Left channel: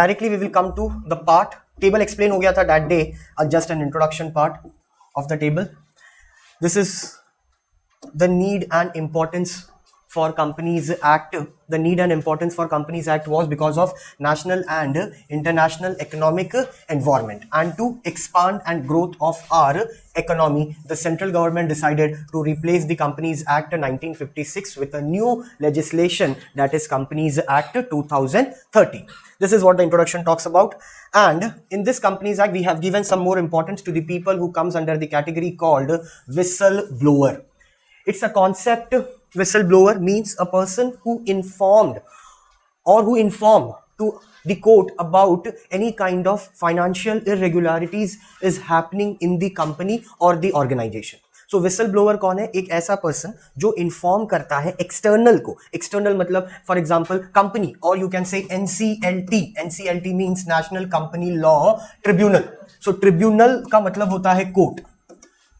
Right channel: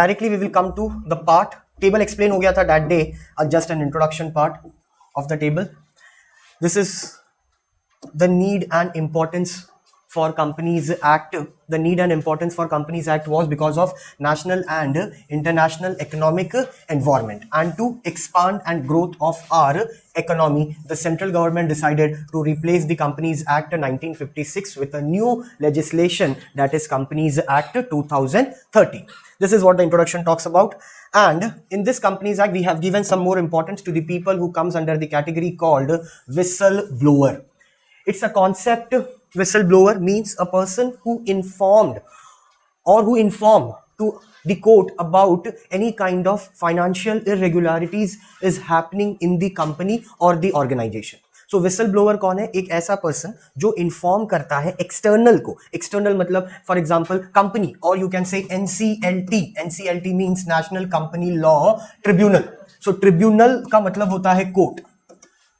Directly we will come to the part. Table explain हो गया था that day, just an introduction part of the table. This is the need and importance for Companies Act. The need and importance for Companies Act was because of national and international economic environment, and to expand and growth of our economy, the central government decided to replace the Companies Act 1956 with a new legislation, that is Companies Act 2013. This is what the introduction talks about. And in this Companies Act, we have given some more importance to the people who comes under the category called whistleblower. It's a concept. Whistleblower means a person who informed or who inform to the court about any kind of financial irregularities is happening in the company or the organization. So whistleblower कौन है? एक ऐसा person जो inform करता है external को. External मतलब for example company, और यू कैन से NCLT. NCLT means national company law tribunal. सो ट्रिब्यूनल का मतलब होता है कोर्ट.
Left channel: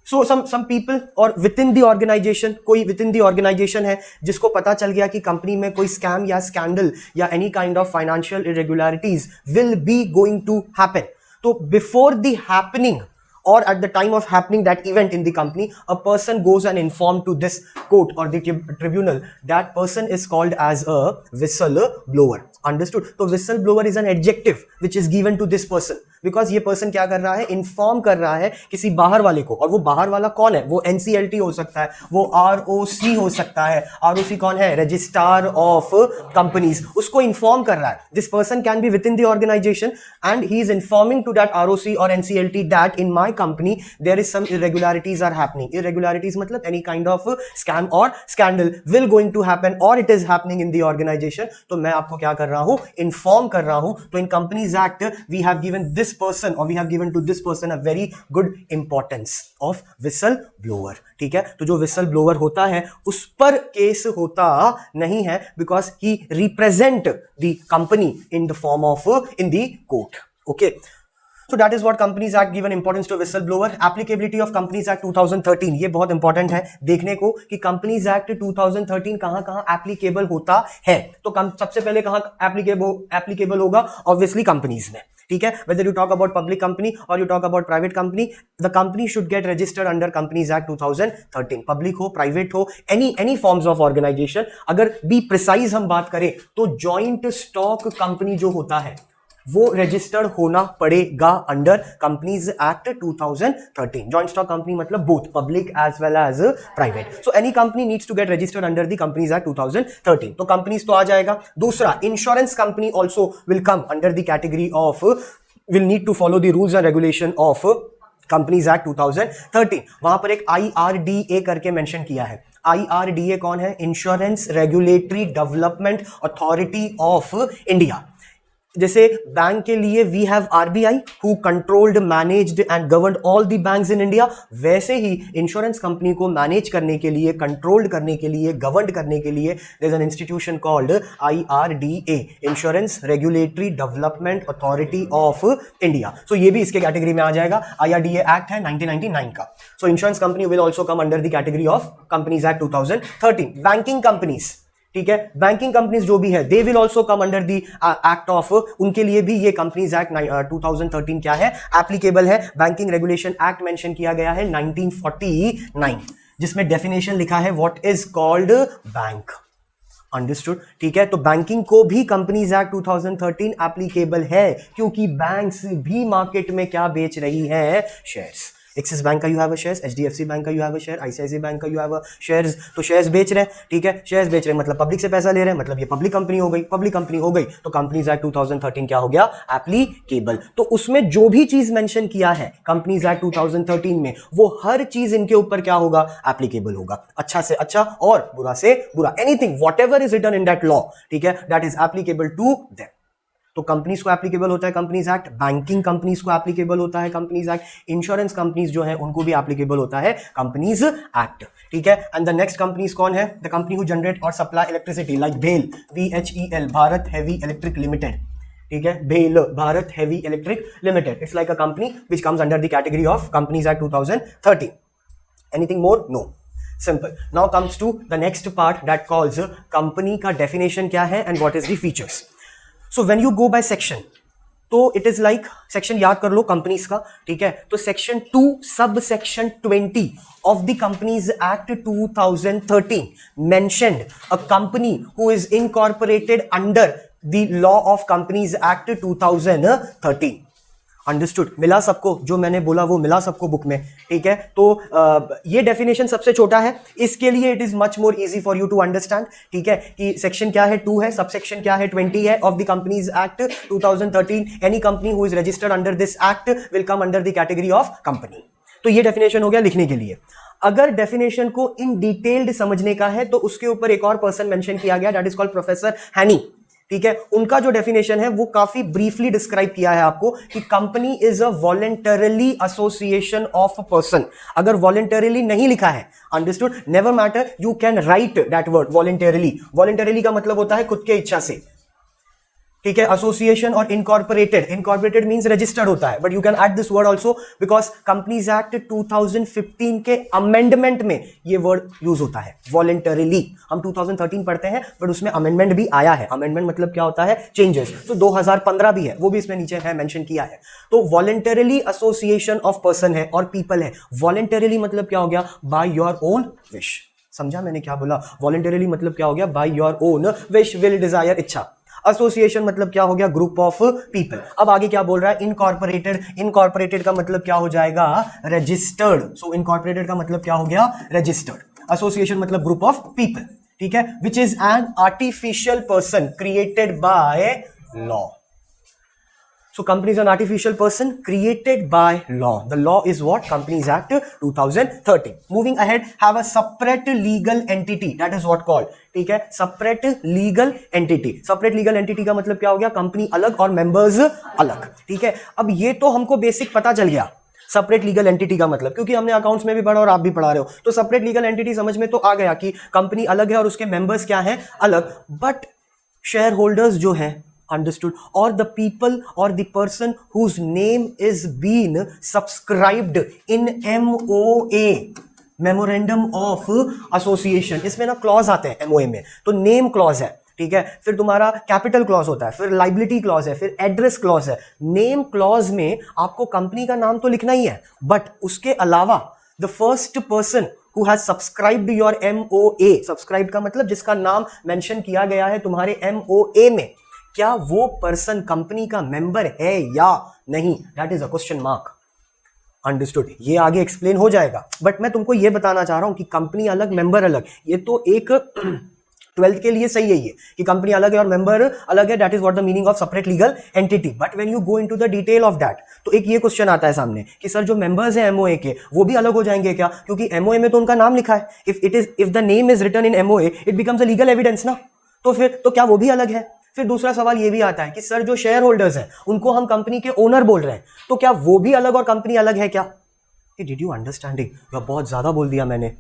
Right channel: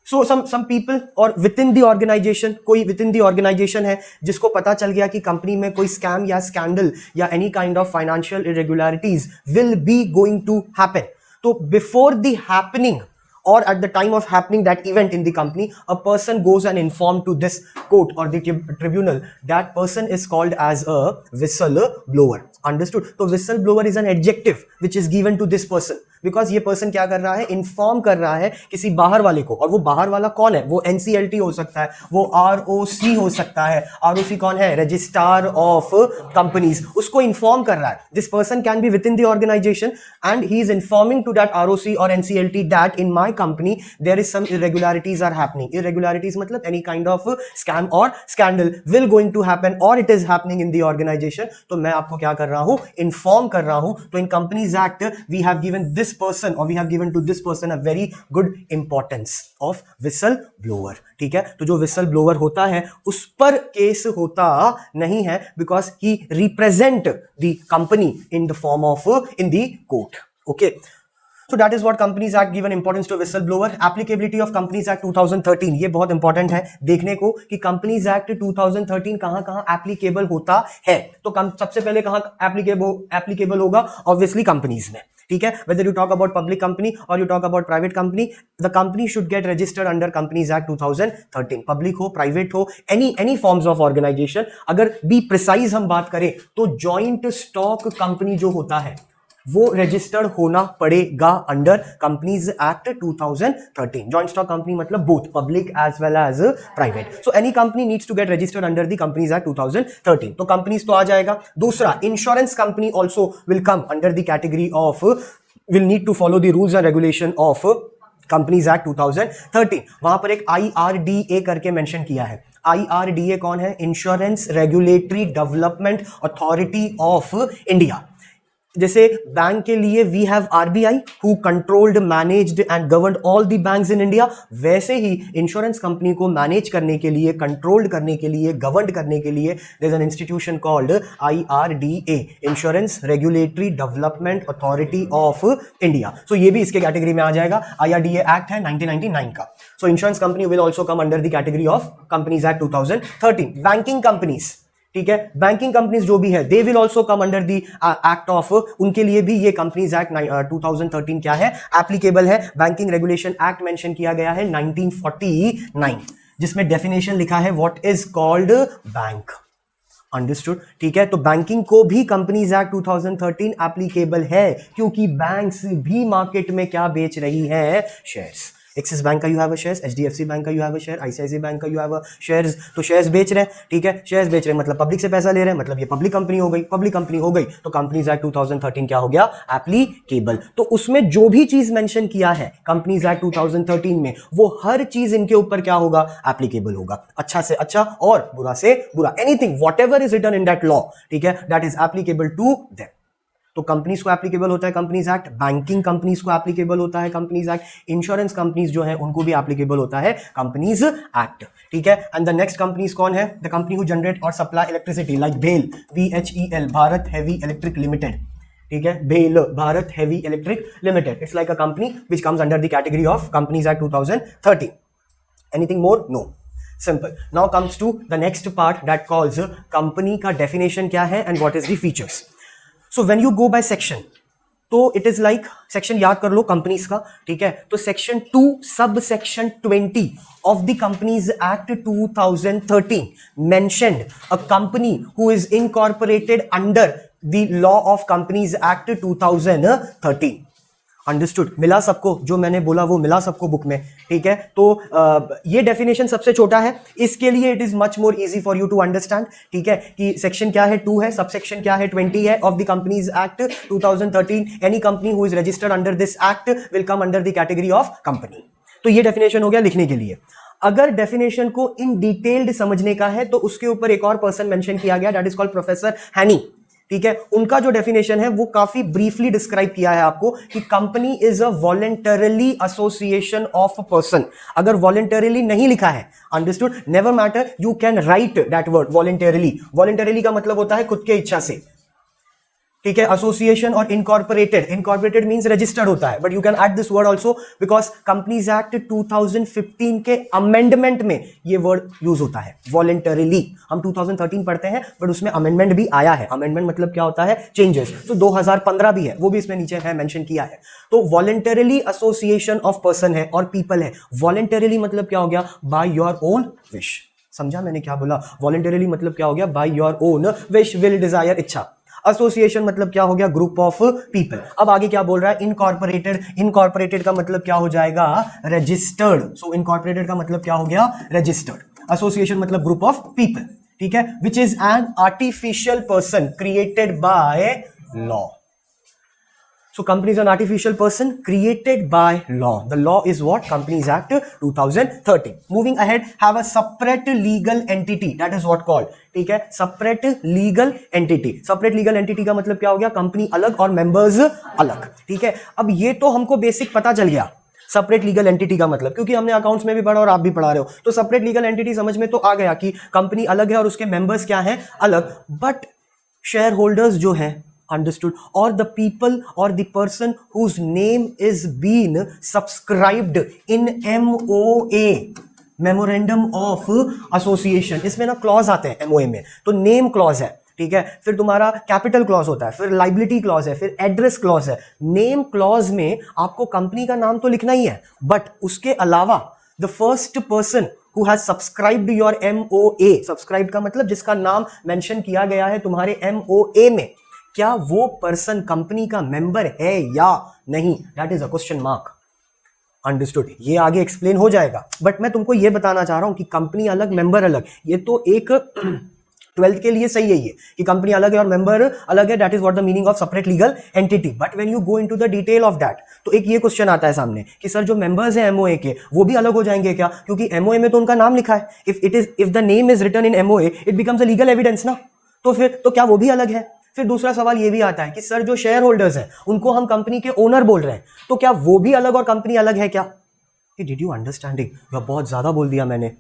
So some people और within the organization, कोई within the organization है जिसको पता चल गया कि कंपनी में कोई स्कैम या स्कैंडल या any kind of financial irregularities will be going to happen. तो before the happening or at the time of happening that event in the company, a person goes and inform to this court or the tribunal. That person is called as a whistleblower. Understood? So whistleblower is an adjective which is given to this person. Because ये person क्या कर रहा है? Inform कर रहा है किसी बाहर वाले को. और वो बाहर वाला कौन है? वो NCLT हो सकता है, वो ROC हो सकता है. ROC कौन है? Registrar of companies. उसको इन्फॉर्म कर रहा है. This person can be within the organization and he is informing to that ROC और NCLT that in my company there is some irregularities are happening. Irregularities मतलब any kind of scam और scandal will going to happen और it is happening in the organization. तो मैं आपको क्या कर रहा हूं? इन्फॉर्म कर रहा हूं. तो in companies act we have given this person or we have given to this person a very good importance of whistleblower. ठीक है? तो जो whistleblower होता है उस पर केस होता नहीं है because he represent the company in the form of in the court. Okay. So that is what Companies Act given importance to whistleblower. Applicability of Companies Act 2013, ये बहुत इंपॉर्टेंट है देखने को कि Companies Act 2013 कहाँ एप्लीकेबल होता है. तो सबसे पहले कहाँ एप्लीकेबल होगा? ऑब्वियसली कंपनीज में. ठीक है? Whether you talk about public company or you talk about private company, the company should get registered under Companies Act 2013. Public हो, private हो, any forms of organization. अगर be precise हम बात करें तो joint stock company जो होता है वो रजिस्टर्ड होना पड़ेगा under companies act 2013. Joint stock company मतलब both public as well as private. So any company needs to get registered under the companies act 2013. तो कंपनीज तो आ जाएगा. दूसरा, insurance company also will come under the category of will need to follow the rules and regulation of companies act 2013. वहां पर एक IRDA करके mention किया है. IRDA कौन है? Insurance regulatory development authority of India. जैसे बैंक के लिए we have RBI who controlled, managed and governed all the banks in India, वैसे ही इंश्योरेंस कंपनी को मैनेज करने के लिए, कंट्रोल्ड करने के लिए, गवर्न करने के लिए there is an institution called IRDA, insurance regulatory development authority of India. So ये भी इसके कैटेगरी में आ जाएगा. IRDA एक्ट है 1999 का. सो insurance company will also come under the category of companies act 2013. Banking companies, ठीक है, बैंकिंग कंपनीज जो भी है they will also come under the act of. उनके लिए भी ये कंपनीज एक्ट 2013 क्या है? एप्लीकेबल है. बैंकिंग रेगुलेशन एक्ट मेंशन किया गया है 1949, जिसमें डेफिनेशन लिखा है what is called bank. Understood? ठीक है? तो बैंकिंग को भी कंपनीज एक्ट 2013 एप्लीकेबल है क्योंकि बैंक्स भी मार्केट में क्या बेच रही है? शेयर्स. एक्सिस बैंक का you have a shares, HDFC bank का you have a share, ICICI bank का यू हैव अ शेयर्स. तो शेयर्स बेच रहे हैं. ठीक है? शेयर्स बेच रहे हैं मतलब पब्लिक से पैसा ले रहे हैं, मतलब ये पब्लिक कंपनी हो गई. पब्लिक कंपनी हो गई तो कंपनीज एक्ट 2013 क्या हो गया? एप्लीकेबल. तो उसमें जो भी चीज मेंशन किया है कंपनीज एक्ट 2013 में, वो हर चीज इनके ऊपर क्या होगा? एप्लीकेबल होगा. अच्छा से अच्छा और बुरा से बुरा, anything whatever is written in that law, ठीक है, that is applicable to them. तो कंपनीज को एप्लीकेबल होता है कंपनीज एक्ट. बैंकिंग कंपनीज को एप्लीकेबल होता है कंपनीज एक्ट. इंश्योरेंस कंपनीज जो है उनको भी एप्लीकेबल होता है कंपनीज एक्ट. ठीक है? एंड द नेक्स्ट कंपनीज कौन है? द कंपनी हु जनरेट और supply electricity like BHEL, BHEL, Bharat heavy electric limited. ठीक है? BHEL, Bharat heavy electric limited. It's like a company which comes under the category of companies act 2013. Anything more? No. Simple. Now comes to the next part that calls company का definition क्या है and what is the features. So when you go by section, तो it is like section याद कर लो companies का, ठीक है। तो section 2 sub section 20 of the companies act 2013 mentioned a company who is incorporated under the law of companies act 2013। Understood? मिला सबको? जो मैंने बोला वो मिला सबको बुक में, ठीक है। तो ये डेफिनेशन सबसे छोटा है, इसके लिए it is much more easy for you to understand, ठीक है, कि सेक्शन क्या है 2 है, सब सेक्शन क्या है 20 है of the companies act 2013। Any company who is registered under this act will come under the category of company. तो ये डेफिनेशन हो गया लिखने के लिए। अगर डेफिनेशन को इन डिटेल्ड समझने का है तो उसके ऊपर एक और पर्सन मेंशन किया गया, दैट इज कॉल्ड प्रोफेसर हैनी, ठीक है। उनका जो डेफिनेशन है वो काफी ब्रीफली डिस्क्राइब किया है आपको कि company is a voluntarily association of person. अगर वॉलंटरली नहीं लिखा है, understood, never matter, you can write that word voluntarily. Voluntarily का मतलब होता है खुद के इच्छा से, ठीक है। एसोसिएशन और इनकॉर्पोरेटेड, इनकॉर्पोरेटेड मींस रजिस्टर्ड होता है, but you can add this word also because companies act 2015 के अमेंडमेंट में ये वर्ड यूज होता है वॉलंटरीली। हम 2013 पढ़ते हैं बट उसमें अमेंडमेंट भी आया है। अमेंडमेंट मतलब क्या होता है? चेंजेस। तो 2015 भी है, वो भी इसमें नीचे है मेंशन किया है। तो वॉलंटरीली एसोसिएशन ऑफ पर्सन है और पीपल है। वॉलंटरीली मतलब क्या हो गया? By your own wish. समझा मैंने क्या बोला? वॉलंटरीली मतलब क्या हो गया? By your own wish, will, desire, इच्छा। एसोसिएशन मतलब क्या हो गया? Group of people. अब आगे क्या बोल रहा है? इनकॉर्पोरेटेड। इनकॉर्पोरेटेड का मतलब क्या हो जाएगा? रजिस्टर्ड। सो इनकॉर्पोरेटेड का मतलब क्या हो गया? रजिस्टर्ड। एसोसिएशन मतलब ग्रुप ऑफ पीपल, ठीक है, which is an artificial person created by law. So company is an artificial person created by law. The law is what? Companies Act 2013. Moving ahead, have a separate legal entity. That is what called. ठीक है, separate legal entity. Separate legal entity का मतलब क्या हो गया? Company अलग और members अलग, ठीक है। अब ये तो हमको बेसिक पता चल गया सेपरेट लीगल एंटिटी का मतलब, क्योंकि हमने अकाउंट्स में भी पढ़ा और आप भी पढ़ा रहे हो। तो सेपरेट लीगल एंटिटी समझ में तो आ गया कि कंपनी अलग है और उसके मेंबर्स क्या है? अलग। बट शेयर होल्डर्स जो है, understood, or the people or the person whose name is been subscribed in MOA, memorandum of association, इसमें ना क्लॉज आता है MOA में, तो नेम क्लॉज है, ठीक है। फिर तुम्हारा कैपिटल क्लॉज होता है, फिर लाइबिलिटी क्लॉज है, फिर एड्रेस क्लॉज है। नेम क्लॉज में आपको कंपनी का नाम तो लिखना ही है, बट उसके अलावा the first person who has subscribed your MOA, subscribed का मतलब जिसका नाम मेंशन किया गया है तुम्हारे MOA में, क्या वो पर्सन कंपनी का मेंबर है या नहीं? That is a question mark. Understood? ये आगे एक्सप्लेन हो जाएगा, बट मैं तुमको ये बताना चाह रहा हूं कि कंपनी अलग मेंबर अलग, ये तो एक 12th के लिए सही है ये कि कंपनी अलग है और मेंबर अलग है। That is what the meaning of separate legal entity. But when you go into the detail of that, तो एक ये क्वेश्चन आता है सामने कि सर जो मेंबर्स हैं एमओए के वो भी अलग हो जाएंगे क्या? क्योंकि एमओए में तो उनका नाम लिखा है। If the name is written in MOA it becomes a legal evidence ना, तो फिर तो क्या वो भी अलग है? फिर दूसरा सवाल ये भी आता है कि सर जो शेयर होल्डर्स हैं उनको हम कंपनी के ओनर बोल रहे हैं, तो क्या वो भी अलग और कंपनी अलग है क्या? Did you understanding? बहुत ज्यादा बोल दिया मैंने,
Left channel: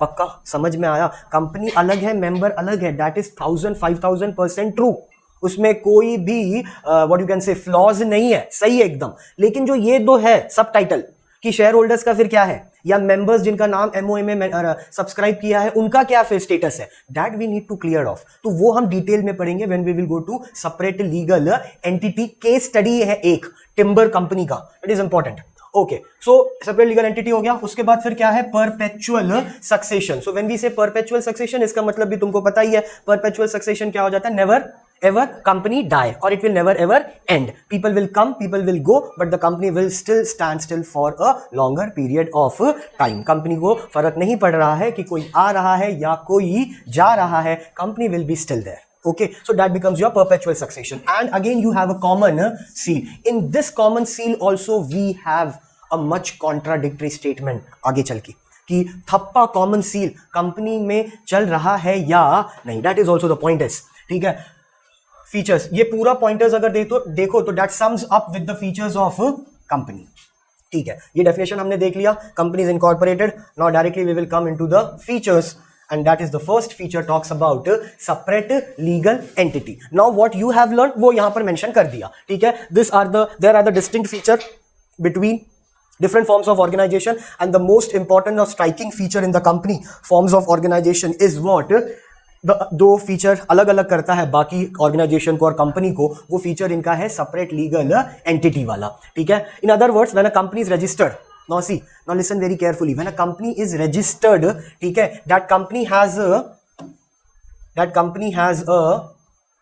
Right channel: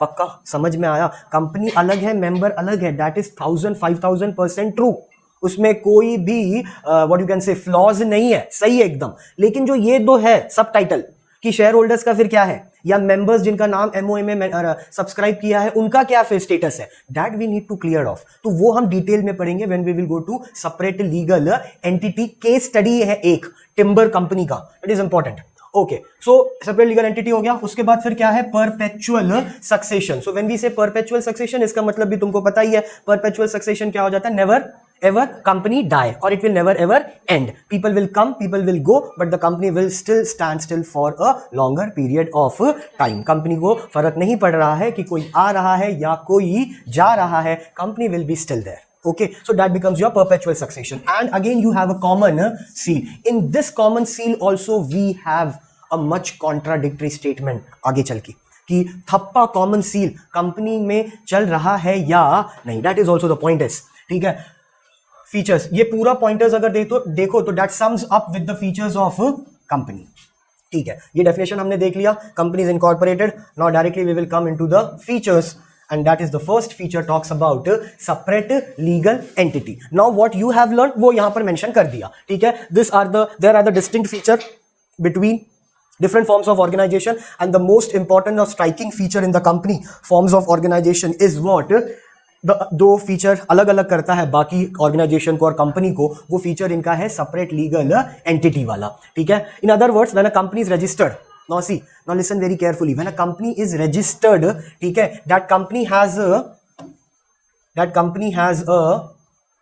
पक्का समझ में आया? कंपनी अलग है, मेंबर अलग है, दैट इज 1000-5000% ट्रू। उसमें कोई भी व्हाट यू कैन से फ्लॉज नहीं है, सही है एकदम। लेकिन जो ये दो है सब टाइटल कि शेयर होल्डर्स का फिर क्या है, या मेंबर्स जिनका नाम एमओए में सब्सक्राइब किया है उनका क्या फिर स्टेटस है, that we need to clear off. तो वो हम डिटेल में पढ़ेंगे when we will go to separate legal entity. Case study है एक टिम्बर कंपनी का, it is important. Okay, so separate legal entity हो गया। उसके बाद फिर क्या है? Perpetual succession. So when we say perpetual succession, इसका मतलब भी तुमको पता ही है। परपेचुअल सक्सेशन क्या हो जाता है? Never ever company die or it will never ever end. People will come, people will go, but the company will still stand still for a longer period of time. Company को फर्क नहीं पड़ रहा है कि कोई आ रहा है या कोई जा रहा है, company will be still there. Okay, so that becomes your perpetual succession. And again you have a common seal. In this common seal also we have a much contradictory statement आगे चल के कि थप्पा कॉमन सील कंपनी में चल रहा है या नहीं। That is also the point is, ठीक है। फीचर्स, ये पूरा पॉइंटर्स अगर देखो तो that sums up with the features of company, ठीक है। ये डेफिनेशन हमने देख लिया, company is incorporated. Now directly we will come into the features and that is the first feature talks about separate legal entity. Now what you have learned वो यहाँ पर mention कर दिया, ठीक है। there are the distinct feature between different forms of organization and the most important or striking feature in the company forms of organization is what? दो feature अलग अलग करता है बाकी ऑर्गेनाइजेशन को और कंपनी को, वो फीचर इनका है सेपरेट लीगल एंटिटी वाला, ठीक है. In other words, when a company is registered, now see, now listen very carefully, when a company is registered, ठीक है, that company has a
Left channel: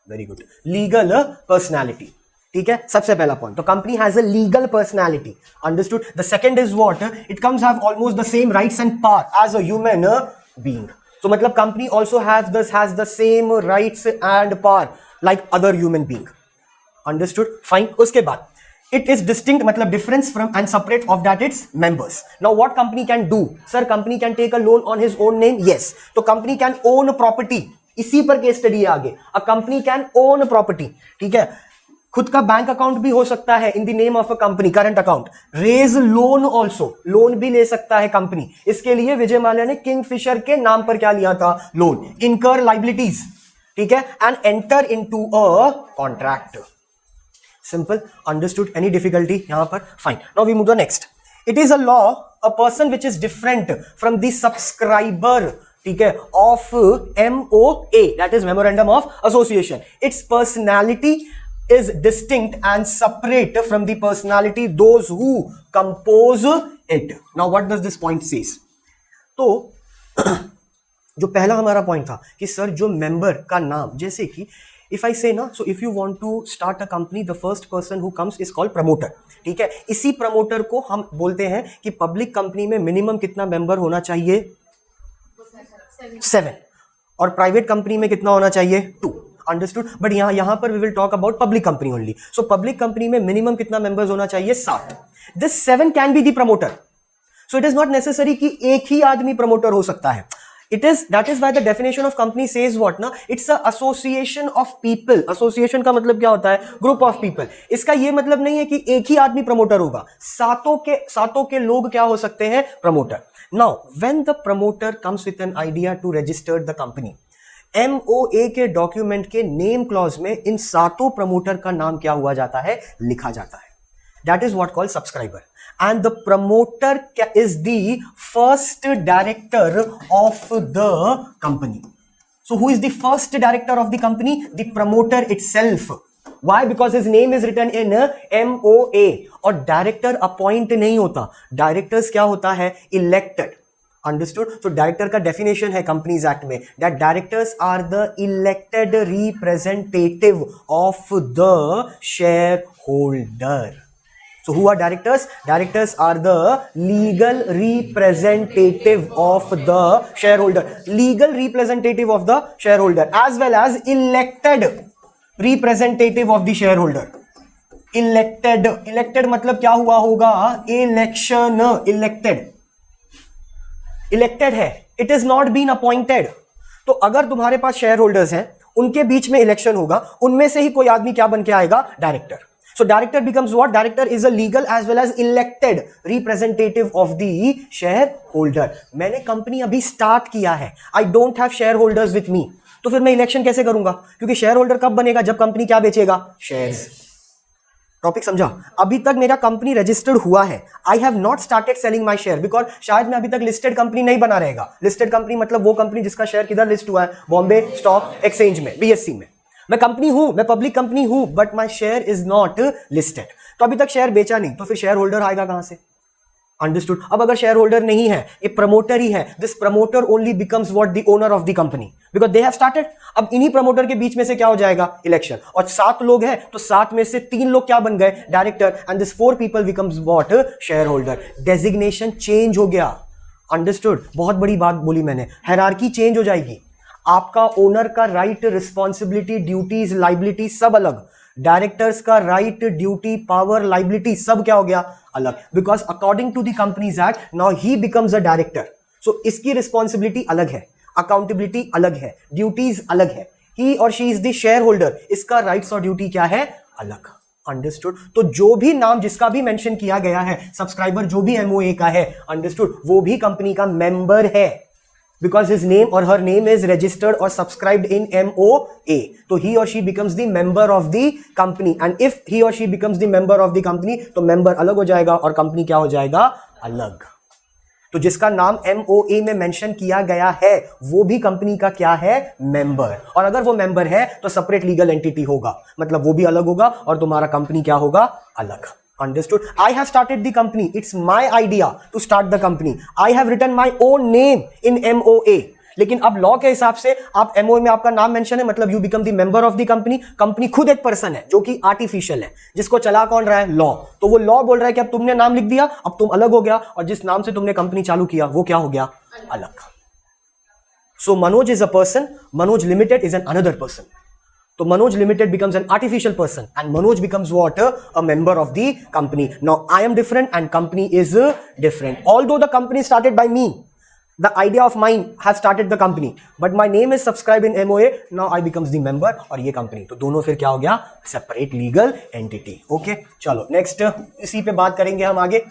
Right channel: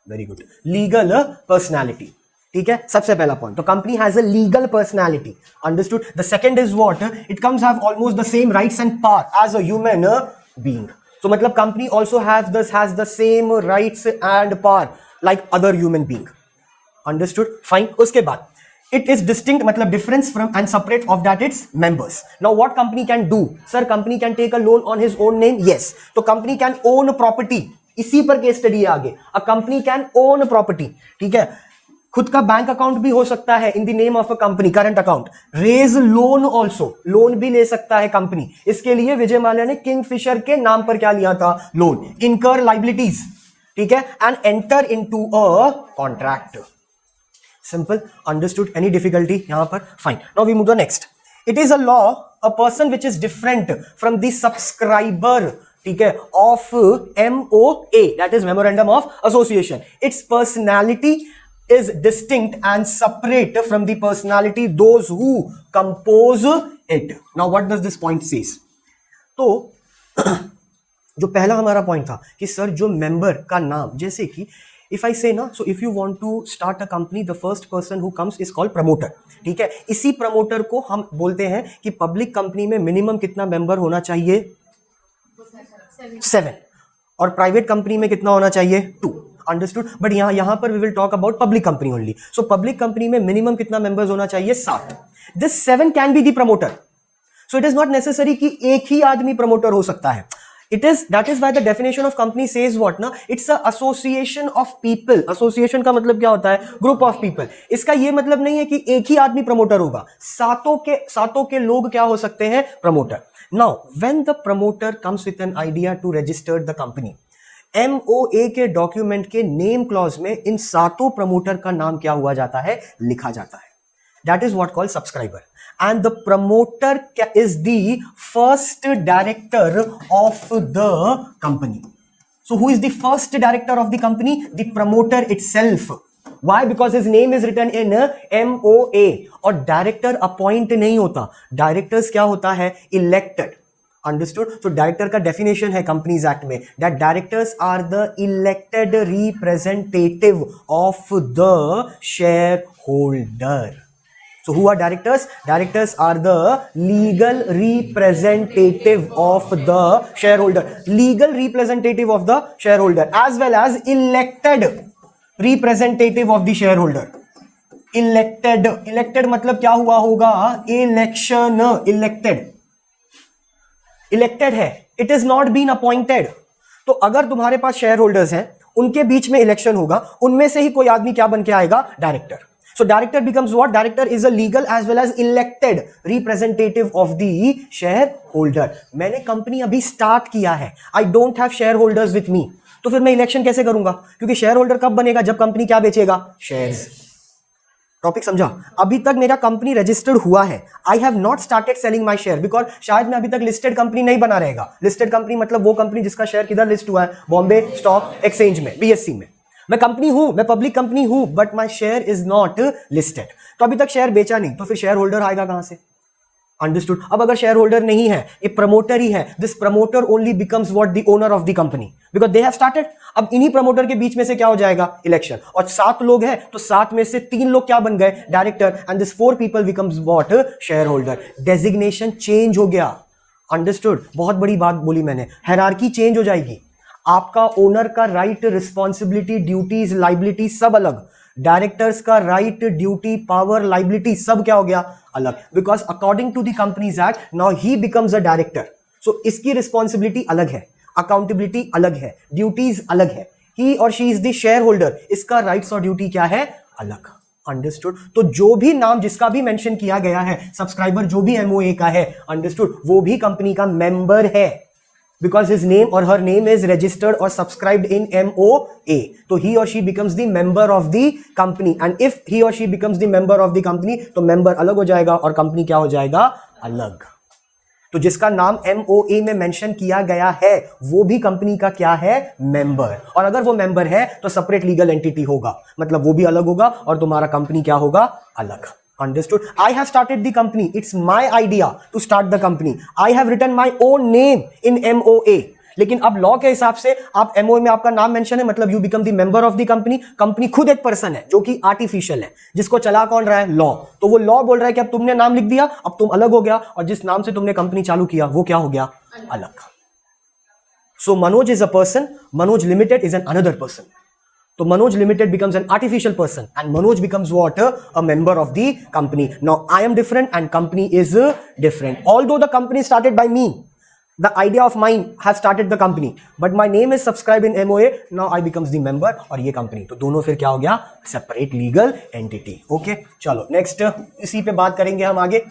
very good legal personality, ठीक है. सबसे पहला पॉइंट, तो company has a legal personality. Understood. The second is what, it comes have almost the same rights and power as a human being. तो मतलब company also has the same rights and power like other human being. Understood. Fine. उसके बाद it is distinct, मतलब difference from and separate of that its members. Now what company can do? Sir, company can take a loan on his own name. Yes. तो company can own property. इसी पर case study है आगे. A company can own property. ठीक है. खुद का bank account भी हो सकता है in the name of a company, current account. Raise loan also, loan भी ले सकता है कंपनी. इसके लिए विजय माल्या ने किंगफिशर के नाम पर क्या लिया था? लोन. इनकर लाइबिलिटीज, ठीक है, and enter into a contract. Simple. Understood. Any difficulty यहाँ पर? Fine. Now we move to next. It is a law, a person which is different from the subscriber, ठीक है, of MOA, that is Memorandum of Association. Its personality is distinct and separate from the personality those who compose it. Now what does this point says? तो जो पहला हमारा point था कि sir जो member का नाम, जैसे कि if I say ना, so if you want to start a company, the first person who comes is called promoter, ठीक है. इसी प्रमोटर को हम बोलते हैं कि पब्लिक कंपनी में मिनिमम कितना मेंबर होना चाहिए? 7. और प्राइवेट कंपनी में कितना होना चाहिए? 2. अंडरस्टूड. बट यहाँ पर we will talk about public company only. So public company में मिनिमम कितना मेंबर्स होना चाहिए? 7. This 7 can be the promoter. So it is not necessary कि एक ही आदमी प्रमोटर हो सकता है. That is why the definition of company says what ना, it's a association of people. Association का मतलब क्या होता है? Group of people. इसका ये मतलब नहीं है कि एक ही आदमी प्रमोटर होगा, सातों के लोग क्या हो सकते हैं? Promoter. Now when the promoter comes with an idea to register the company, MOA के डॉक्यूमेंट के नेम क्लॉज में इन सातों प्रमोटर का नाम क्या हुआ जाता है? लिखा जाता है. That is what called subscriber. And the promoter is the first director of the company. So who is the first director of the company? The promoter itself. Why? Because his name is written in MOA. और director appoint नहीं होता. Directors क्या होता है? Elected. Understood? So director का definition है Companies Act में, that directors are the elected representative of the shareholder. So who are directors? Directors are the legal representative of the shareholder. Legal representative of the shareholder as well as elected representative of the shareholder. Elected मतलब क्या हुआ होगा? Election. Elected है. It is not been appointed. तो अगर तुम्हारे पास share holders हैं, उनके बीच में इलेक्शन होगा, उनमें से ही कोई आदमी क्या बन के आएगा? Director. So director becomes what? Director is a legal as well as elected representative of the shareholder. मैंने कंपनी अभी स्टार्ट किया है, I don't have shareholders with me. तो फिर मैं इलेक्शन कैसे करूंगा? क्योंकि शेयर होल्डर कब बनेगा? जब कंपनी क्या बेचेगा? शेयर्स. टॉपिक समझा? अभी तक मेरा कंपनी रजिस्टर्ड हुआ है. I have not started selling my share because शायद मैं अभी तक लिस्टेड कंपनी नहीं बना रहेगा. लिस्टेड कंपनी मतलब वो कंपनी जिसका शेयर किधर लिस्ट हुआ है? बॉम्बे स्टॉक एक्सचेंज में, BSE में. मैं कंपनी हूं, मैं पब्लिक कंपनी हूं, but my share is not listed. तो अभी तक शेयर बेचा नहीं, तो फिर शेयर होल्डर आएगा कहां से? अंडरस्टूड. अब अगर शेयर होल्डर नहीं है, ये प्रमोटर ही है, this promoter only becomes what? The owner of the company, because they have started. अब इन्हीं प्रमोटर के बीच में से क्या हो जाएगा? इलेक्शन. और 7 लोग हैं, तो 7 में से 3 लोग क्या बन गए? Director. And this 4 people becomes what? Share holder. Designation change हो गया. अंडरस्टूड. बहुत बड़ी बात बोली मैंने. हायरार्की चेंज हो जाएगी. आपका ओनर का राइट, रिस्पॉन्सिबिलिटी, ड्यूटीज, लाइबिलिटी सब अलग. डायरेक्टर्स का राइट, ड्यूटी, पावर, लाइबिलिटी सब क्या हो गया? अलग. Because according to the companies act now he becomes a director. So इसकी रिस्पॉन्सिबिलिटी अलग है, अकाउंटेबिलिटी अलग है, ड्यूटीज अलग है. ही और she is the share holder, इसका राइट्स और ड्यूटी क्या है? अलग. अंडरस्टूड. तो जो भी नाम जिसका भी मेंशन किया गया है, सब्सक्राइबर जो भी MOA का है, अंडरस्टूड, वो भी कंपनी का मेंबर है. Because his name or her name is registered or subscribed in MOA. So he or she becomes the member of the company. And if he or she becomes the member of the company, तो member अलग हो जाएगा और company क्या हो जाएगा? अलग. तो जिसका नाम MOA में मेंशन किया गया है वो भी कंपनी का क्या है, मेंबर। और अगर वो मेंबर है तो सेपरेट लीगल एंटिटी होगा, मतलब वो भी अलग होगा और तुम्हारा कंपनी क्या होगा, अलग। Understood? I have started the company. It's my idea to start the company. I have written my own name in MOA. लेकिन अब लॉ के हिसाब से आप MOA में आपका नाम मेंशन है, मतलब you become the member of the company. Company खुद एक पर्सन है जो कि आर्टिफिशियल है, जिसको चला कौन रहा है, लॉ। तो वो लॉ बोल रहा है कि अब तुमने नाम लिख दिया, अब तुम अलग हो गया, और जिस नाम से तुमने कंपनी चालू किया वो क्या हो गया, अलग। So Manoj is a person, Manoj limited is an another person. So Manoj Limited becomes an artificial person and Manoj becomes what? A member of the company. Now I am different and company is different. Although the company started by me, the idea of mine has started the company, but my name is subscribed in MOA. Now I becomes the member और ये company. तो दोनों फिर क्या हो गया, separate legal entity. Okay, चलो next इसी पे बात करेंगे हम आगे.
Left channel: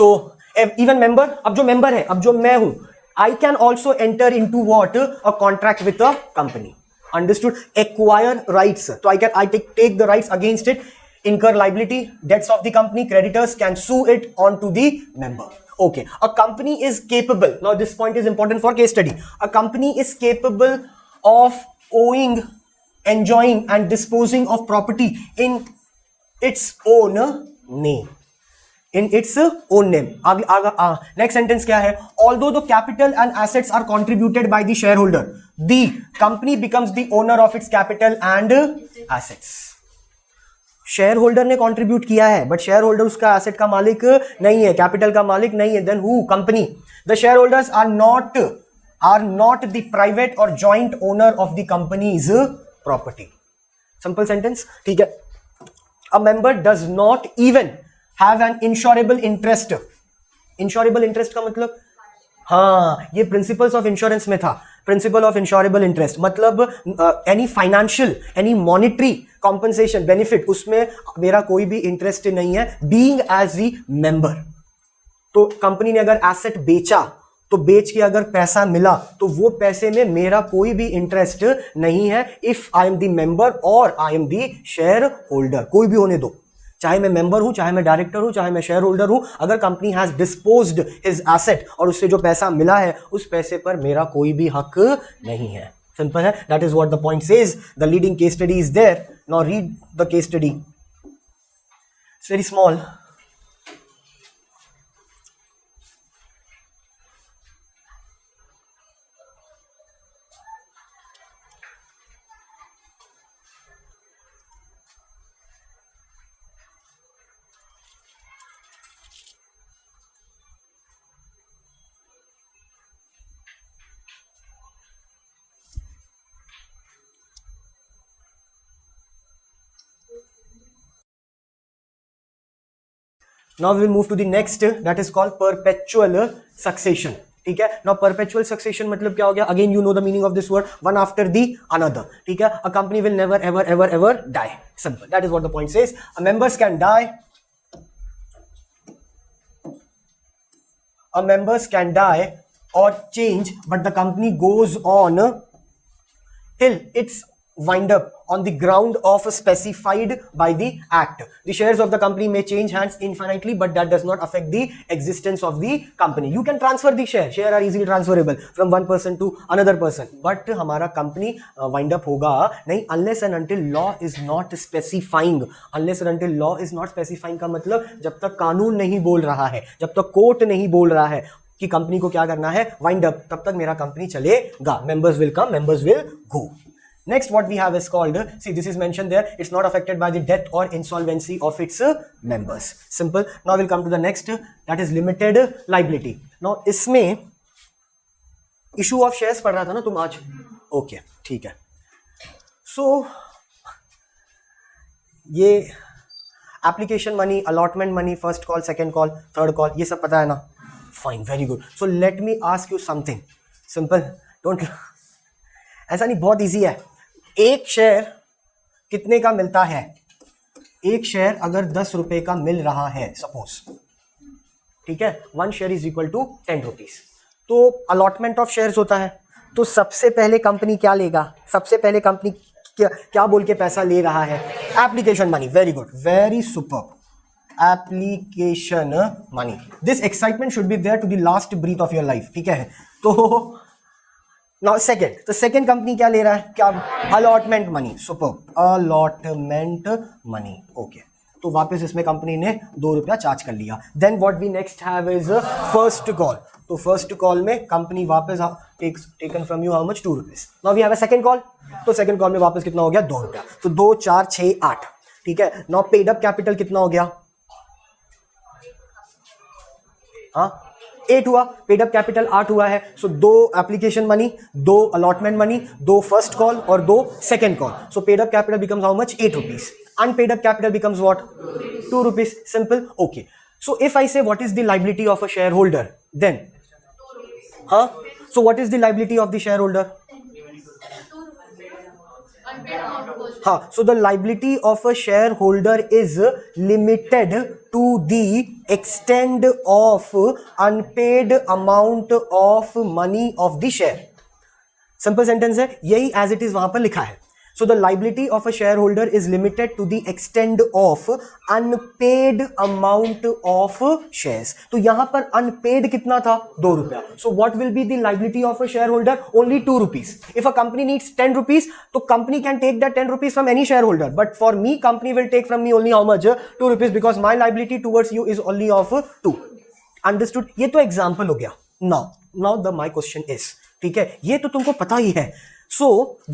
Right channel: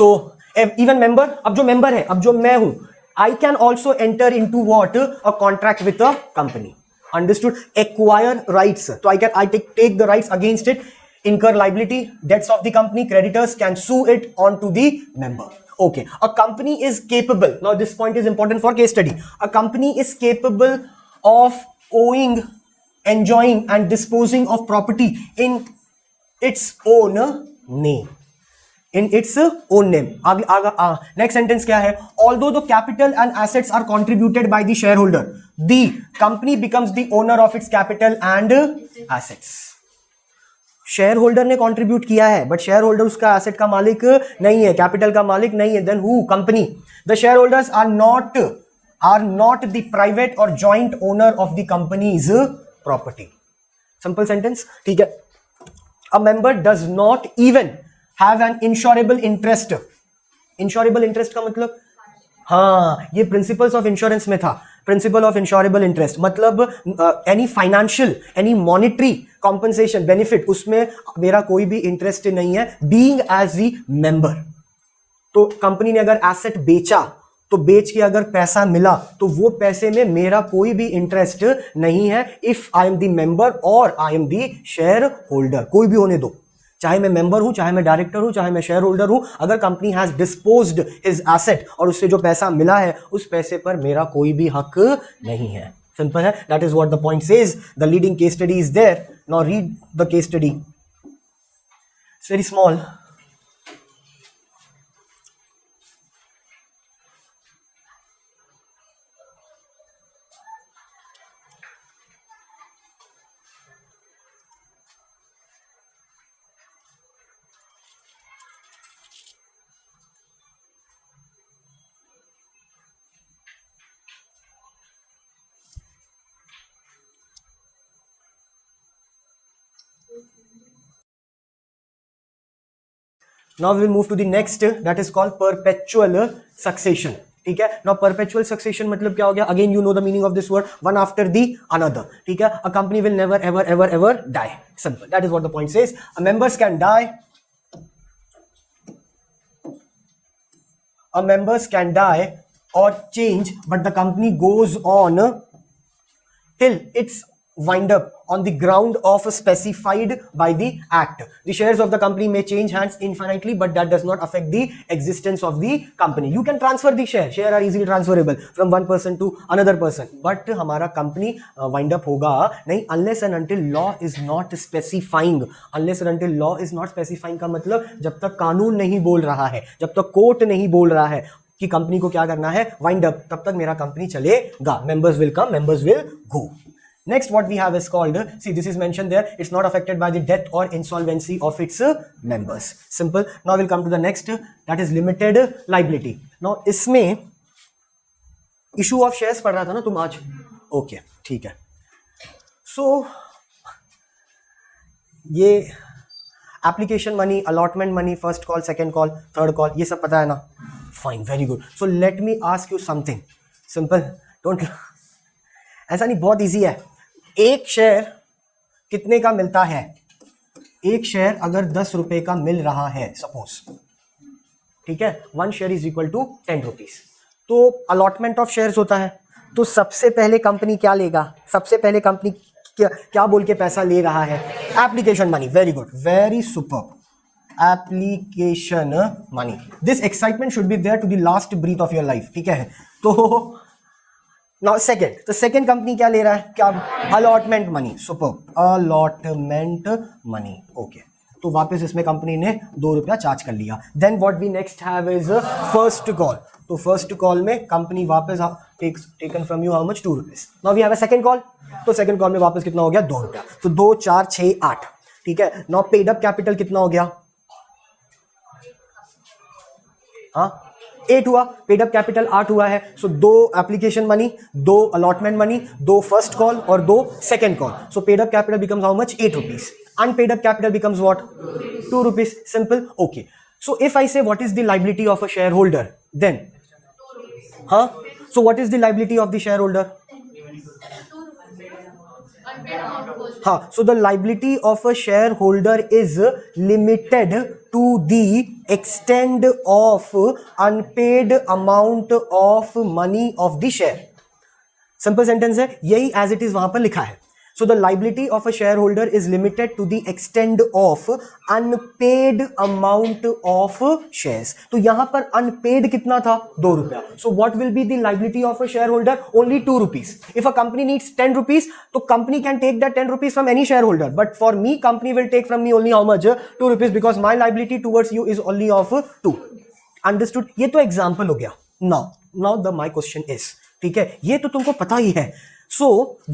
So even member, अब जो member है, अब जो मैं हूँ, I can also enter into what? A contract with a company. Understood? Acquire rights. So I take the rights against it, incur liability, debts of the company, creditors can sue it onto the member. Okay. A company is capable. Now this point is important for case study. A company is capable of owing, enjoying and disposing of property in its own name. In its own name. Next sentence क्या है? Although the capital and assets are contributed by the shareholder, the company becomes the owner of its capital and assets. Share holder ने contribute किया है, but share holder उसका asset का मालिक नहीं है, कैपिटल का मालिक नहीं है। Then who? Company. The share holders are not the private और joint owner of the company's property. Simple sentence, ठीक है। A member does not even have an insurable interest. Insurable interest का मतलब, हाँ, ये प्रिंसिपल्स ऑफ इंश्योरेंस में था, principle of insurable interest, मतलब any financial, any monetary compensation benefit, उसमें मेरा कोई भी इंटरेस्ट नहीं है, बीइंग एज दी मेंबर। तो कंपनी ने अगर एसेट बेचा, तो बेच के अगर पैसा मिला, तो वो पैसे में मेरा कोई भी इंटरेस्ट नहीं है, if I am the member और I am the share holder, कोई भी होने दो, चाहे मैं मेंबर हूं, चाहे मैं डायरेक्टर हूं, चाहे मैं शेयर होल्डर हूं। अगर company has disposed his asset और उससे जो पैसा मिला है, उस पैसे पर मेरा कोई भी हक नहीं है। सिंपल है, that is what the point says. The leading case study is there, now read the case study, it's very small. Now we will move to the next, that is called perpetual succession. ठीक है। Now perpetual succession मतलब क्या हो गया? Again you know the meaning of this word, one after the another. ठीक है। A company will never ever ever ever die. Simple. That is what the point says. A members can die. A members can die or change, but the company goes on till its wind up on the ground of specified by the act. The shares of the company may change hands infinitely, but that does not affect the existence of the company. You can transfer the share. Share are easily transferable from one person to another person. But हमारा company wind up होगा नहीं, unless and until law is not specifying. Unless and until law is not specifying का मतलब जब तक कानून नहीं बोल रहा है, जब तक कोर्ट नहीं बोल रहा है कि कंपनी को क्या करना है, वाइंड अप, तब तक मेरा कंपनी चलेगा। Members will come, members will go. Next, what we have is called, see this is mentioned there, it's not affected by the death or insolvency of its members. Simple. Now we'll come to the next, that is limited liability. Now इसमें issue of shares पढ़ रहा था ना तुम आज? Okay, ठीक है। So ये application money, allotment money, first call, second call, third call, ये सब पता है ना? Fine, very good. So let me ask you something. Simple. Don't, ऐसा नहीं, बहुत easy है। एक शेयर कितने का मिलता है? एक शेयर अगर 10 रुपए का मिल रहा है सपोज, ठीक है, 1 share is equal to 10 rupees. तो अलॉटमेंट ऑफ शेयर्स होता है, तो सबसे पहले कंपनी क्या लेगा? सबसे पहले कंपनी क्या बोल के पैसा ले रहा है? Application money. Very good, very super. Application money. This excitement should be there to the last breath of your life. ठीक है, तो नाउ सेकंड, तो सेकंड कंपनी क्या ले रहा है, क्या, allotment money. Super, allotment money. Okay, तो वापस इसमें कंपनी ने ₹2 चार्ज कर लिया. Then what we next have is first call. तो फर्स्ट कॉल में कंपनी वापस taken from you how much, ₹2. Now we have a second call. तो सेकंड कॉल में वापस कितना हो गया, ₹2. तो 2 4 6 8. ठीक है, नाउ पेड अप कैपिटल कितना हो गया, हाँ 8 हुआ. पेड अप कैपिटल 8 हुआ है. So 2 application money, 2 allotment money, 2 first call और 2 second call. So paid up capital becomes how much, ₹8. Unpaid up capital becomes what, ₹2. Simple. Okay, so if I say what is the liability of a shareholder, then so what is the liability of the shareholder? So the liability of a shareholder is limited to the extent of unpaid amount of money of the share. Simple sentence है, यही as it is वहां पर लिखा है. So the liability of a shareholder is limited to the extent of unpaid amount of shares. तो यहाँ पर unpaid कितना था, ₹2. So what will be the liability of a shareholder? Only ₹2. If a company needs ₹10, तो company can take that ₹10 from any shareholder. But for me, company will take from me only how much? ₹2, because my liability towards you is only of 2. Understood? ये तो example हो गया. Now my question is, ठीक है, ये तो तुमको पता ही है. So,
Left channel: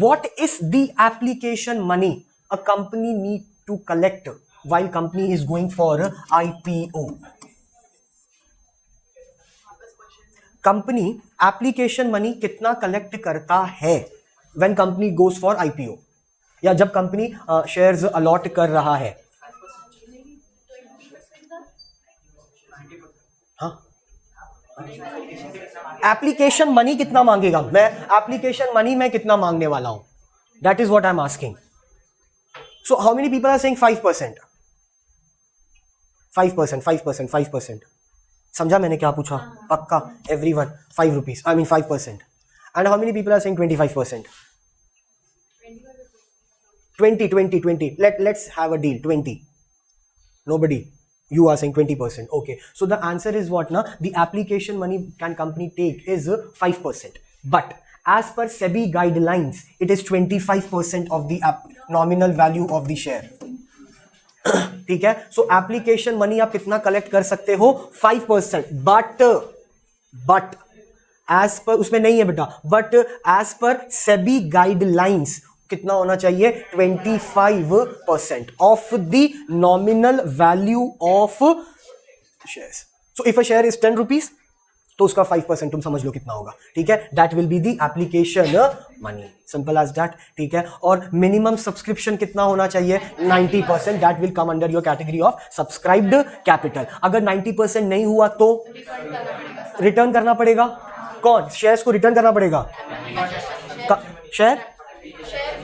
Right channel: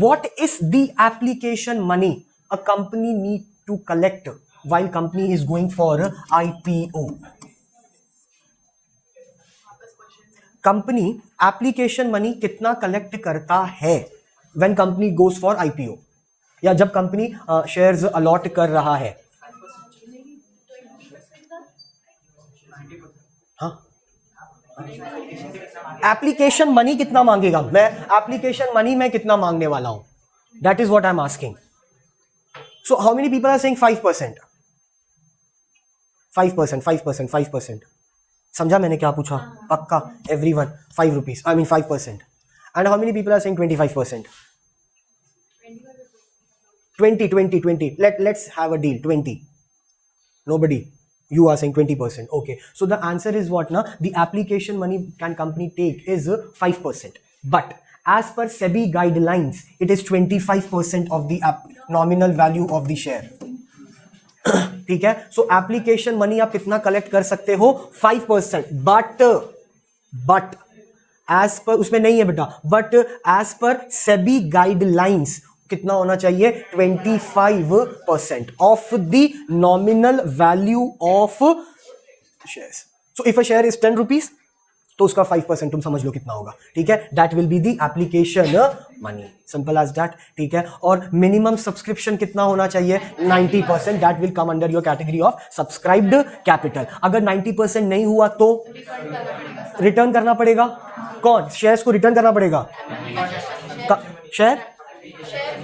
what is the application money a company need to collect while company is going for IPO? Company application money कितना collect करता है when company goes for IPO, या जब company shares allot कर रहा है. एप्लीकेशन मनी कितना मांगेगा, मैं एप्लीकेशन मनी में कितना मांगने वाला हूं, that is what I am asking. So how many people are saying 5%, 5%, 5%, 5%. समझा मैंने क्या पूछा, पक्का everyone ₹5, I mean 5%. And how many people are saying 25%, 20. Let's have a deal, 20. Nobody. You are saying 20%. Okay. So the answer is what now? The application money can company take is 5%. But as per SEBI guidelines, it is 25% of the nominal value of the share. ठीक है. So application money आप कितना collect कर सकते हो, 5%. But as per, उसमें नहीं है बेटा, but as per SEBI guidelines कितना होना चाहिए, 25% of the nominal value of shares. So if a share is ₹10, तो उसका 5% तुम समझ लो कितना होगा. ठीक है, that will be the application money. Simple as that. ठीक है, और minimum subscription कितना होना चाहिए, 90%. that will come under your category of subscribed capital. अगर 90% नहीं हुआ तो रिटर्न करना पड़ेगा. कौन, शेयर्स को रिटर्न करना पड़ेगा, शेयर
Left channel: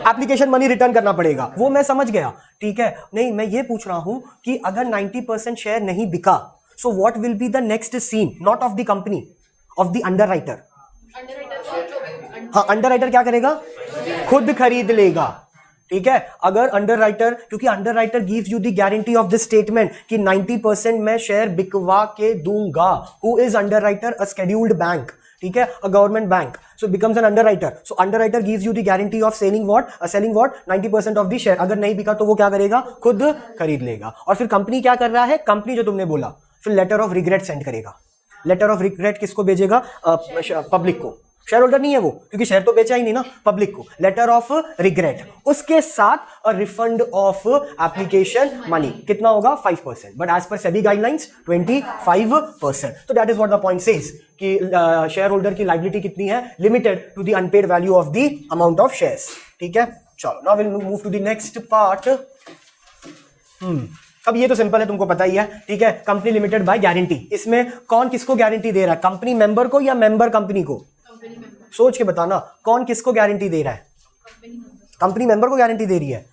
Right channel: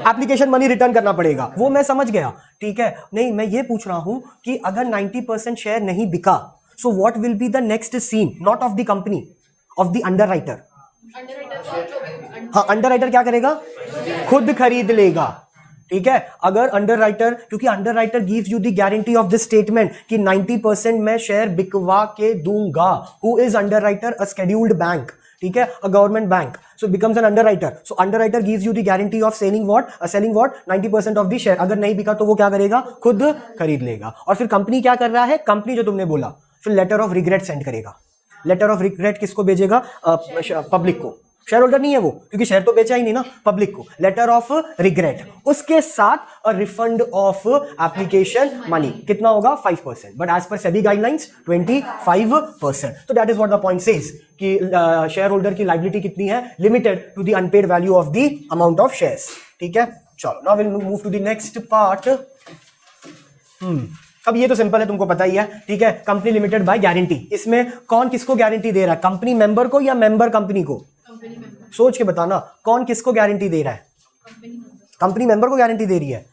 एप्लीकेशन मनी रिटर्न करना पड़ेगा. वो मैं समझ गया. ठीक है, नहीं मैं ये पूछ रहा हूं कि अगर 90% शेयर नहीं बिका, so what will be the next scene, not of the company, of the underwriter. हाँ, अंडरराइटर क्या करेगा, खुद खरीद लेगा. ठीक है, अगर अंडरराइटर, क्योंकि underwriter gives you the guarantee of the statement कि 90% मैं शेयर बिकवा के दूंगा. Who is underwriter, a scheduled bank. ठीक है, a government bank. So becomes an underwriter. So underwriter gives you the guarantee of selling what? 90% of the share. अगर नहीं बिका तो वो क्या करेगा, खुद खरीद लेगा. और फिर कंपनी क्या कर रहा है, कंपनी जो तुमने बोला, फिर लेटर ऑफ रिग्रेट सेंड करेगा. लेटर ऑफ रिग्रेट किसको भेजेगा, पब्लिक को. शेयर होल्डर नहीं है वो, क्योंकि शेयर तो बेचा ही नहीं ना, पब्लिक को. लेटर ऑफ रिग्रेट, उसके साथ रिफंड ऑफ एप्लीकेशन मनी कितना होगा, 5%. But as per SEBI guidelines 25%. तो that is what the point says कि शेयर होल्डर की लायबिलिटी कितनी है, limited to the unpaid value of the amount of shares. ठीक है, चलो now will move to the next part. अब ये तो सिंपल है, तुमको पता ही है. ठीक है, कंपनी लिमिटेड बाय गारंटी. इसमें कौन किसको गारंटी दे रहा है, कंपनी मेंबर को या मेंबर कंपनी को, सोच के बताना, कौन किसको गारंटी दे रहा है, कंपनी मेंबर को गारंटी दे रही है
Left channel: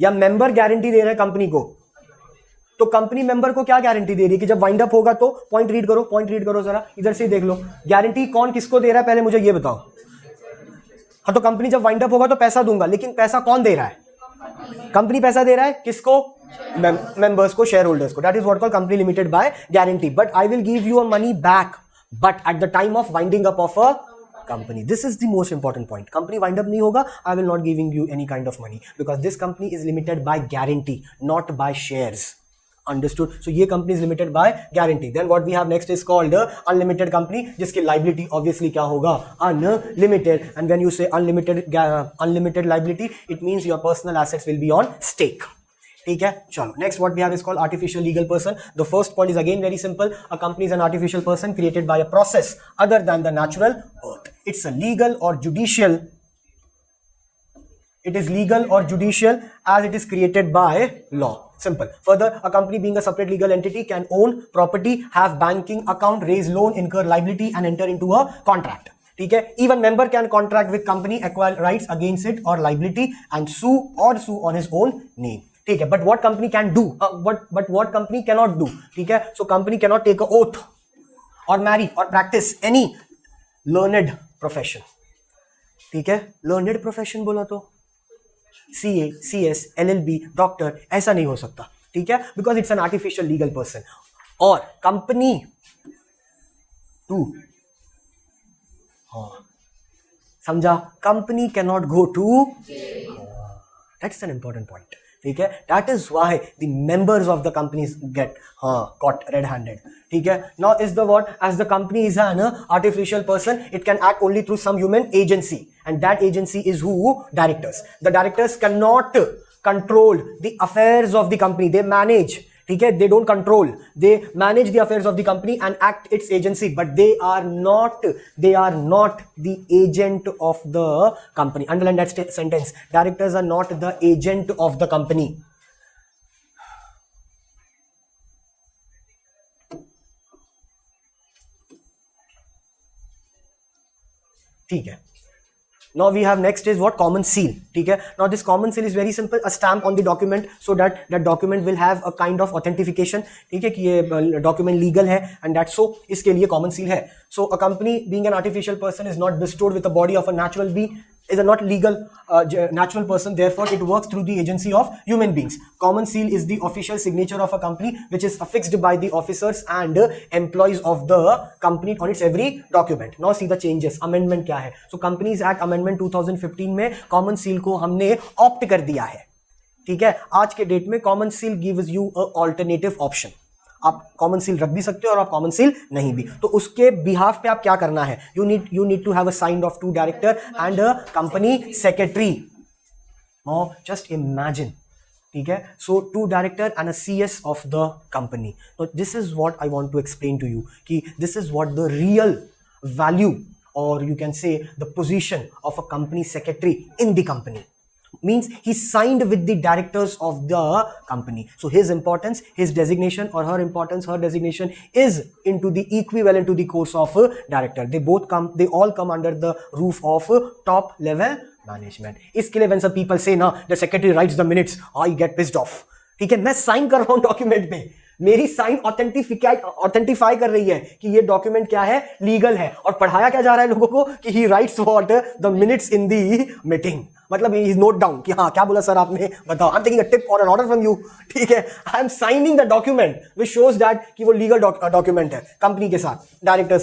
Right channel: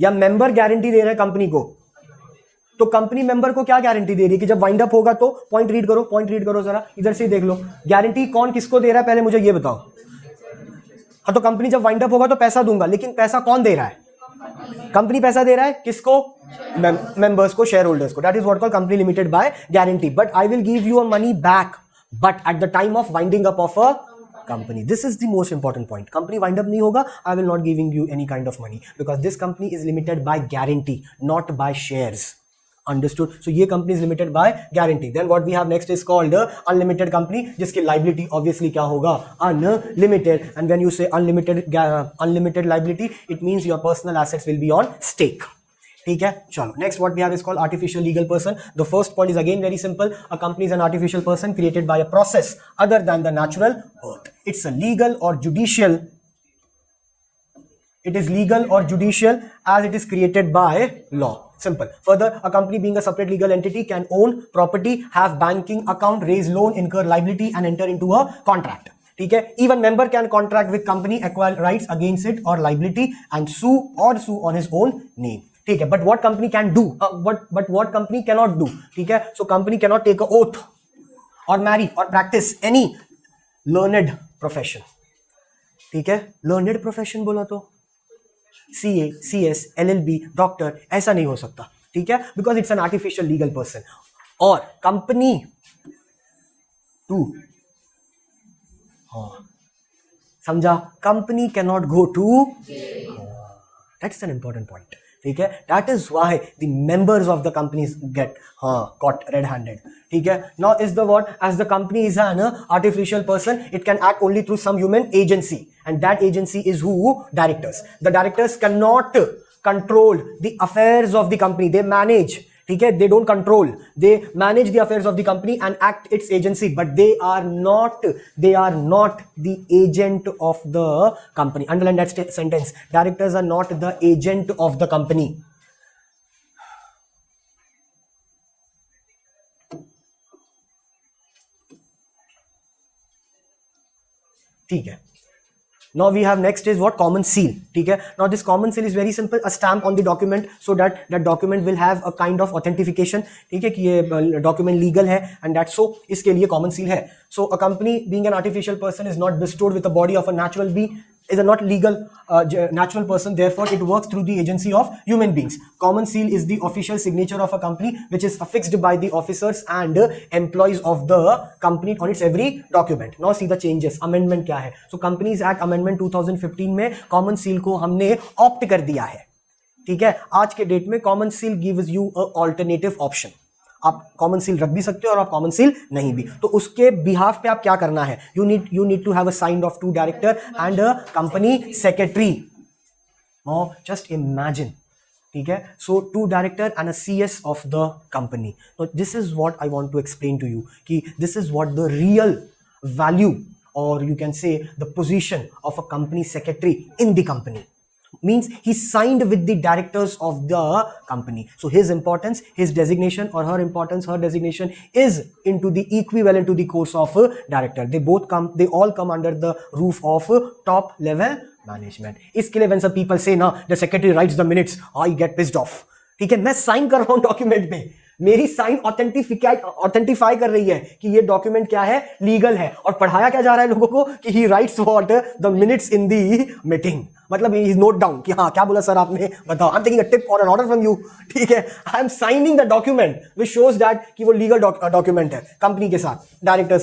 या मेंबर गारंटी दे रहा है कंपनी को. तो कंपनी मेंबर को क्या गारंटी दे रही है कि जब वाइंड अप होगा तो, पॉइंट रीड करो जरा, इधर से देख लो, गारंटी कौन किसको दे रहा है, पहले मुझे ये बताओ. हाँ, तो कंपनी जब वाइंड अप होगा तो पैसा दूंगा, लेकिन पैसा कौन दे रहा है, कंपनी पैसा दे रहा है किसको? मेंबर्स को, शेयर होल्डर्स को. That is what called company limited by guarantee. But I will give you a money back, but at the time of winding up of a company. This is the most important point. Company wind up नहीं होगा, I will not giving you any kind of money because this company is limited by guarantee, not by shares. Understood? So ये company is limited by guarantee. Then what we have next is called unlimited company, जिसकी liability obviously क्या होगा? Unlimited. And when you say unlimited liability, it means your personal assets will be on stake. ठीक है, चलो next what we have is called artificial legal person. The first point is again very simple. A company is an artificial person created by a process other than the natural birth. It's a legal और judicial. It is legal or judicial as it is created by law. Simple. Further, a company being a separate legal entity can own property, have banking account, raise loan, incur liability and enter into a contract. ठीक है. Even member can contract with company, acquire rights against it or liability and sue on his own name. ठीक है. But what company can do? But what company cannot do? ठीक है. So company cannot take an oath or marry or practice any learned profession. ठीक है. Learned profession बोला तो CA, CS, LLB, doctor, ऐसा नहीं हो सकता. ठीक है. Because it's an artificial legal person. और कंपनी टू समझा, company can not go to. That's an important point. ठीक है. That is why the members of the companies get caught red handed. ठीक है. Now is the what, as the company is an artificial person, it can act only through some human agency, and that agency is who? Directors. The directors cannot control the affairs of the company. They manage. ठीक है. They don't control, they manage the affairs of the company and act its agency, but they are not the agent of the company. Underline that sentence. Directors are not the agent of the company. ठीक है. Now we have next is what? Common seal. ठीक है. Now this common seal is very simple. A stamp on the document so that that document will have a kind of authentication. ठीक है कि ये document legal है and that's so. इसके लिए common seal है. So a company being an artificial person is not bestowed with the body of a natural being. Is a not legal natural person. Therefore, it works through the agency of human beings. Common seal is the official signature of a company, which is affixed by the officers and employees of the company on its every document. Now see the changes. Amendment क्या है? So Companies Act Amendment 2015 में common seal को हमने opt कर दिया है. ठीक है. आज के डेट में common seal gives you a alternative option. आप कॉमन सील रख भी सकते हो और आप कॉमन सील नहीं भी. तो उसके बिहाफ पे आप क्या करना है? You need to have a sign off 2 director and company secretary. Just imagine. ठीक है. So 2 director and a CS of the company. तो this is what I want to explain to you कि this is what the real value और you can say the position of a company secretary in the company. Means he signed with the directors of the company. So his importance, his designation or her importance, her designation is into the equivalent to the course of director. They all come under the roof of top level management. इसके लिए when some people say ना the secretary writes the minutes, I get pissed off. ठीक है. मैं sign कर रहा हूँ document पे, मेरी साइन ऑथेंटिफाई कर रही है कि ये डॉक्यूमेंट क्या है? लीगल है. और पढ़ाया क्या जा रहा है लोगों को कि ही rights what? The minutes in the meeting. मतलब ही नोट डाउन कि हाँ क्या बोला सर आपने, बताओ. I am taking a tip और एन ऑर्डर फ्रॉम यू. ठीक है. I am signing the document which shows that कि वो लीगल डॉक्यूमेंट है कंपनी के साथ डायरेक्टर्स